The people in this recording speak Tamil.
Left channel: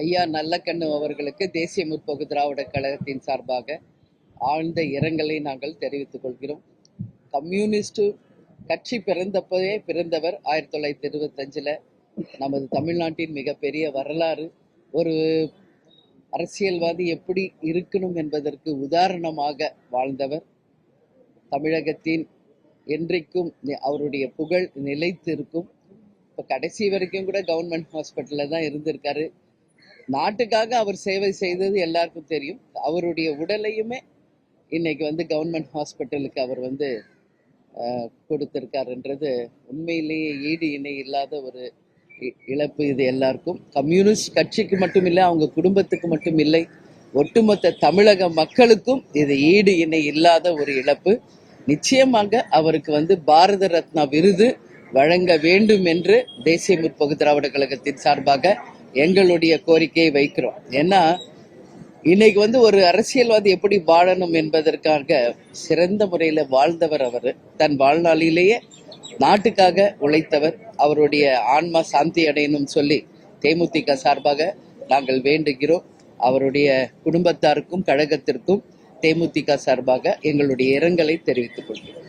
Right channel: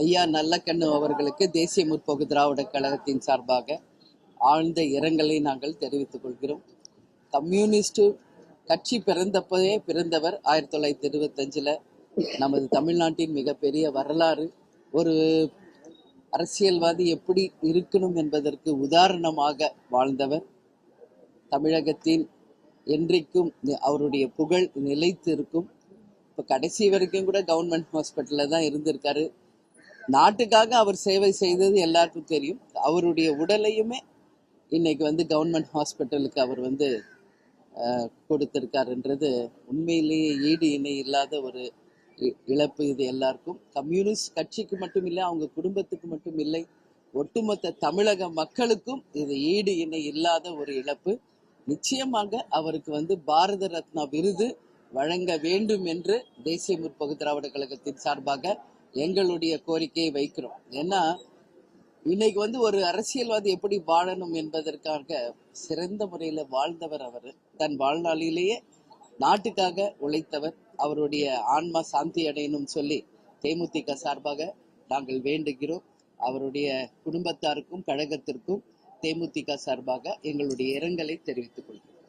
ஐயா நல்லக்கண்ணு அவர்களுக்கு தேசிய முற்போக்கு திராவிட கழகத்தின் சார்பாக ஆழ்ந்த இரங்கலை நாங்கள் தெரிவித்துக் கொள்கிறோம். கம்யூனிஸ்ட் கட்சி பிறந்தவர் 1925 நமது தமிழ்நாட்டின் மிகப்பெரிய வரலாறு. ஒரு அரசியல்வாதி எப்படி இருக்கணும் என்பதற்கு உதாரணமாக வாழ்ந்தவர். தமிழகத்தின் என்றைக்கும் அவருடைய புகழ் நிலைத்து இருக்கும். இப்போ கடைசி வரைக்கும் கூட கவர்மெண்ட் ஹாஸ்பிட்டலில் தான் இருந்திருக்காரு. நாட்டுக்காக அவர் சேவை செய்தது எல்லாருக்கும் தெரியும். அவருடைய உடலையுமே இன்னைக்கு கவர்மெண்ட் ஹாஸ்பிட்டலுக்கு அவர் கொடுத்திருக்காருன்றது உண்மையிலேயே ஈடு இணை இல்லாத ஒரு இழப்பு. இது எல்லாருக்கும், கம்யூனிஸ்ட் கட்சிக்கு மட்டும் இல்லை, அவங்க குடும்பத்துக்கு மட்டும் இல்லை, ஒட்டுமொத்த தமிழக மக்களுக்கும் இது ஈடு இணை இல்லாத ஒரு இழப்பு. நிச்சயமாக அவருக்கு பாரத ரத்னா விருது வழங்க வேண்டும் என்று தேசிய முற்போக்கு திராவிட கழகத்தின் சார்பாக எங்களுடைய கோரிக்கையை வைக்கிறோம். ஏன்னா இன்னைக்கு ஒரு அரசியல்வாதி எப்படி வாழணும் என்பதற்காக சிறந்த முறையில் வாழ்ந்தவர் அவர். தன் வாழ்நாளிலேயே நாட்டுக்காக உழைத்தவர். அவருடைய ஆன்மா சாந்தி அடையணும் சொல்லி தேமுதிக சார்பாக நாங்கள் வேண்டுகிறோம். அவருடைய குடும்பத்தாருக்கும் கழகத்திற்கும் தேமுதிக சார்பாக எங்களுடைய இரங்கலை தெரிவித்துக் கொள்கிறோம்.